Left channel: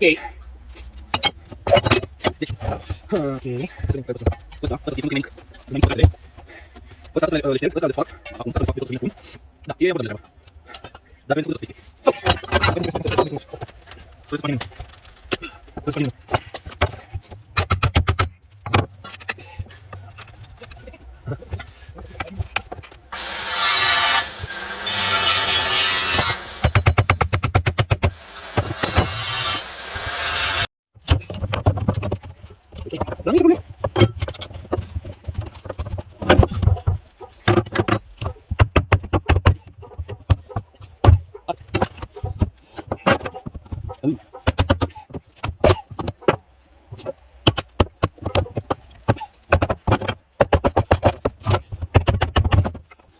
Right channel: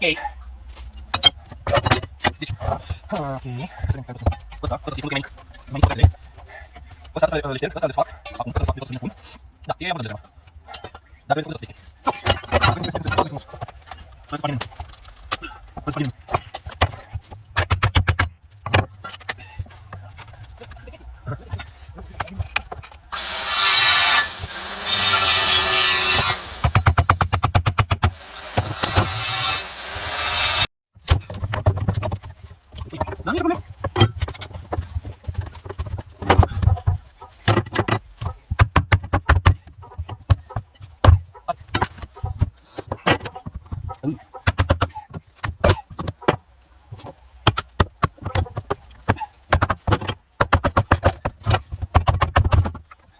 Okay. Okay. Basta dito kami main kali. Basta sa listed, basta desfak. Ako basta desfak dito sa phone. Nah, iya betul dah. Dah ben sudah pasti. Terus panin. Terus panin. Dami ka problema.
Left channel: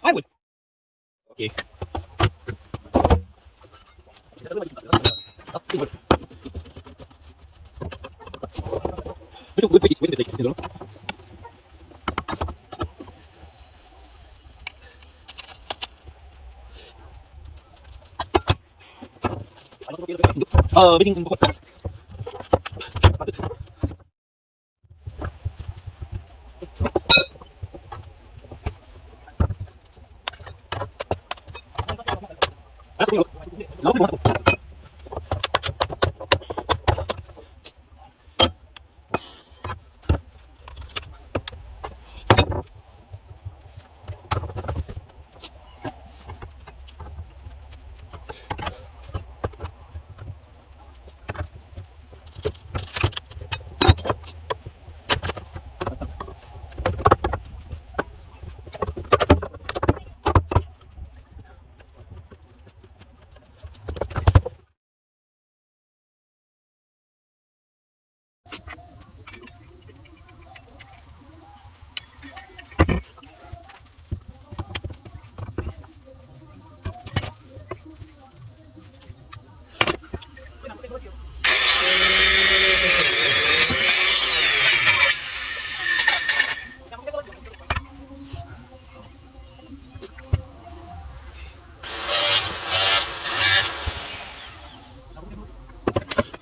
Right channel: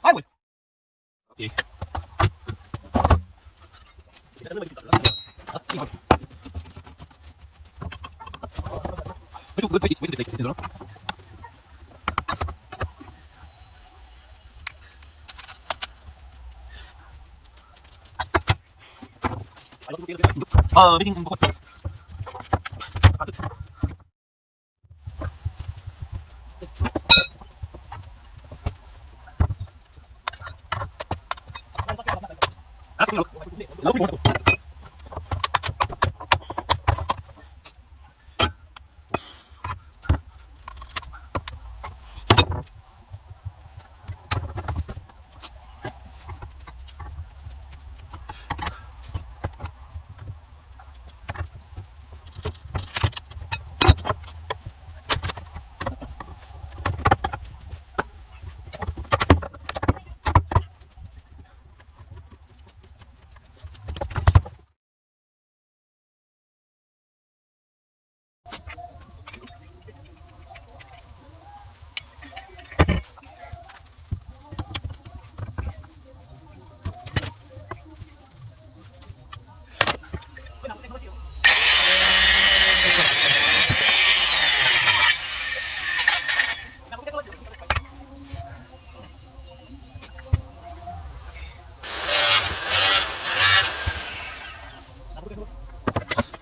I would. Okay. Bising ang bakot. Patut. Ako yung law mo sa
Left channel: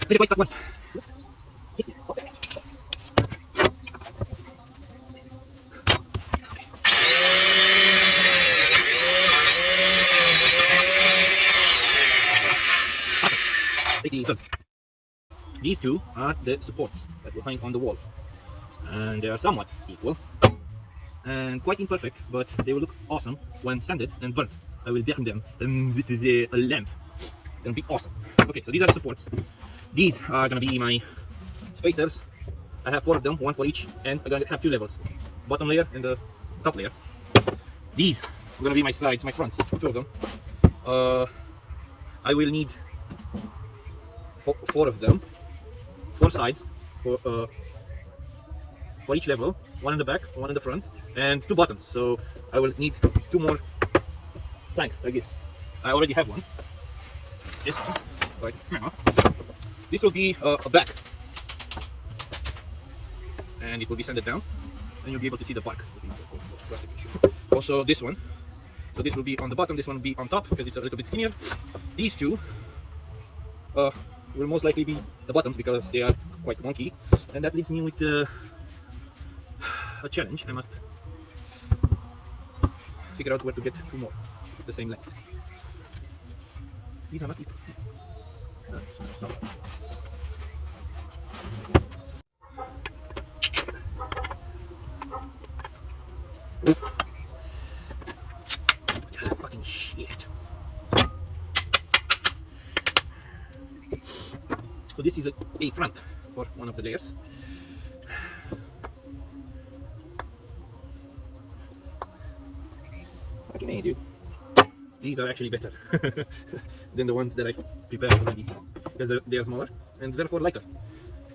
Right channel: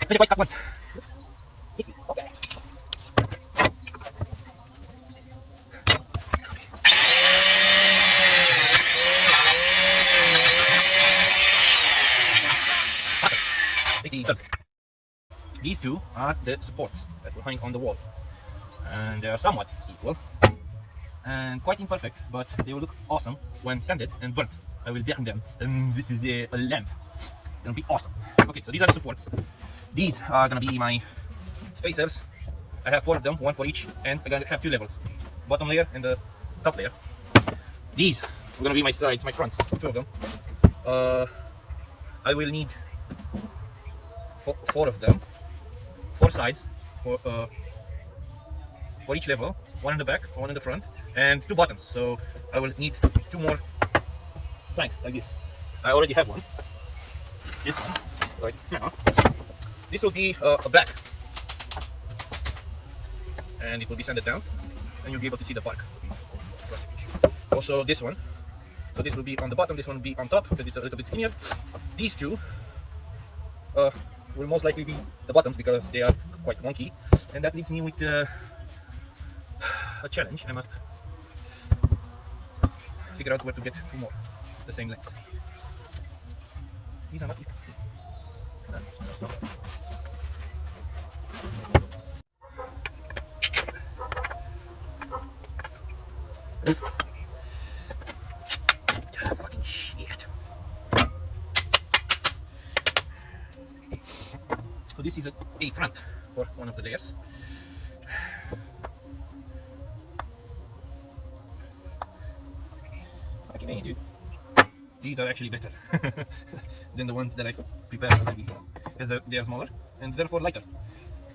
Very wise at once. Okay. Take the third. These two are the supports that will hang on the wall, and they are somewhat equal and quite imperfect, but they will look awesome when sanded and burnt. I will decorate them with the lamp. Gonna be awesome. Okay, so these are the supports. These are gonna be my spacers. I have 4 of them, one for each, and I'm gonna have 2 levels, bottom layer and the top layer. These are gonna be my sides, my fronts, 2 of them. I will need 4 of them, 4 sides for each level, 1 in the back, 1 in the front, and 2 bottoms. So I will need 2 more planks like this. I already have one. This one, right now. This will be a back, and it will be sanded down, and you'll be able to see the bark. Also this one, so this will be on the bottom, this one will be on top because it's a little bit skinnier. These two will most likely be the bottoms because they are quite wonky, and that leaves me with a challenge. I must figure out where to get 2 more the same length. These are not equal. Fucking shit. So this is a front for one of the layers. Okay, dude. These are actually better than the ones that I prepared already because they are smaller and therefore lighter.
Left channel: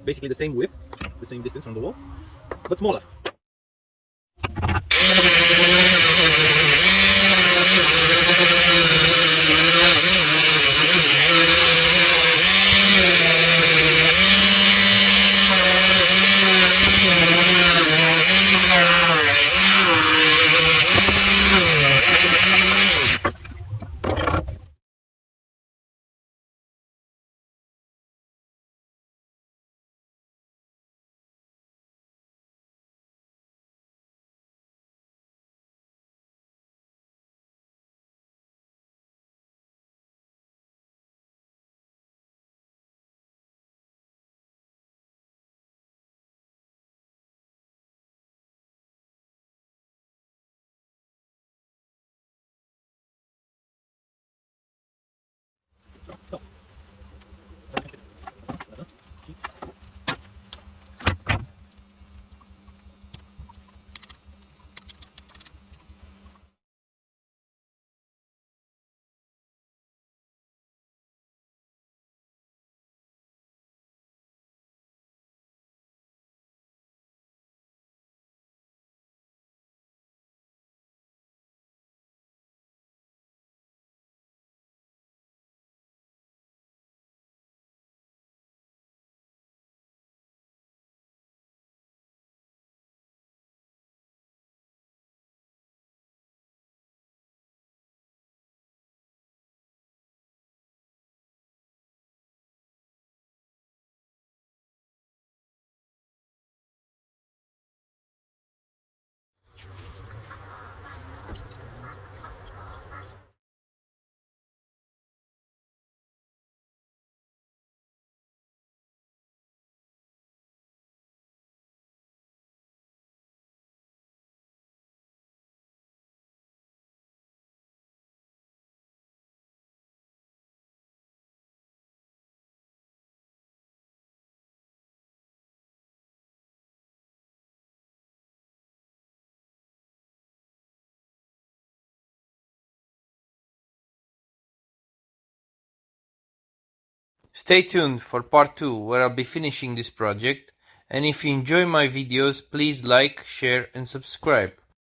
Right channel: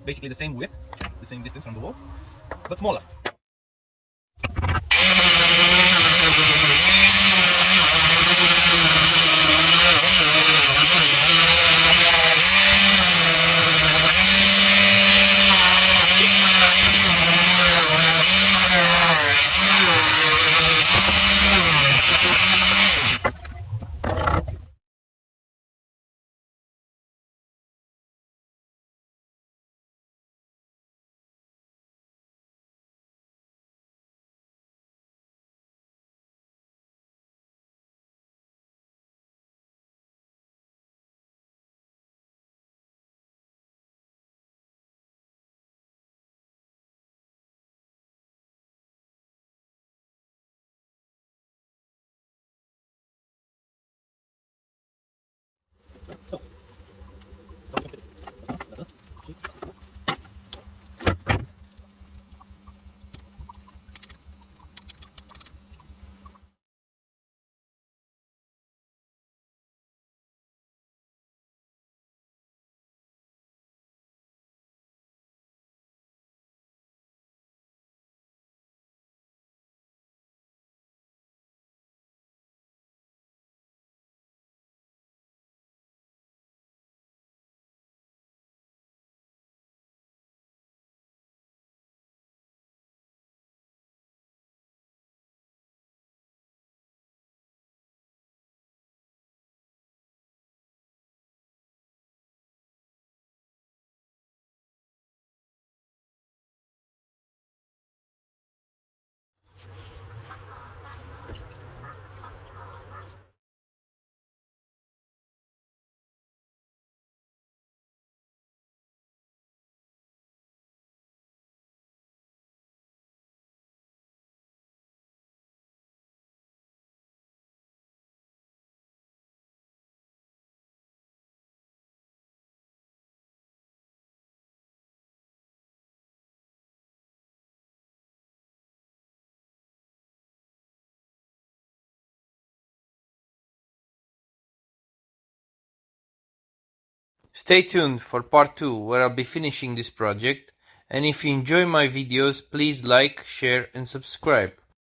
Basically the same width, the same distance from the wall, but smaller. Stay tuned for part 2 where I'll be finishing this project, and if you enjoy my videos please like, share and subscribe.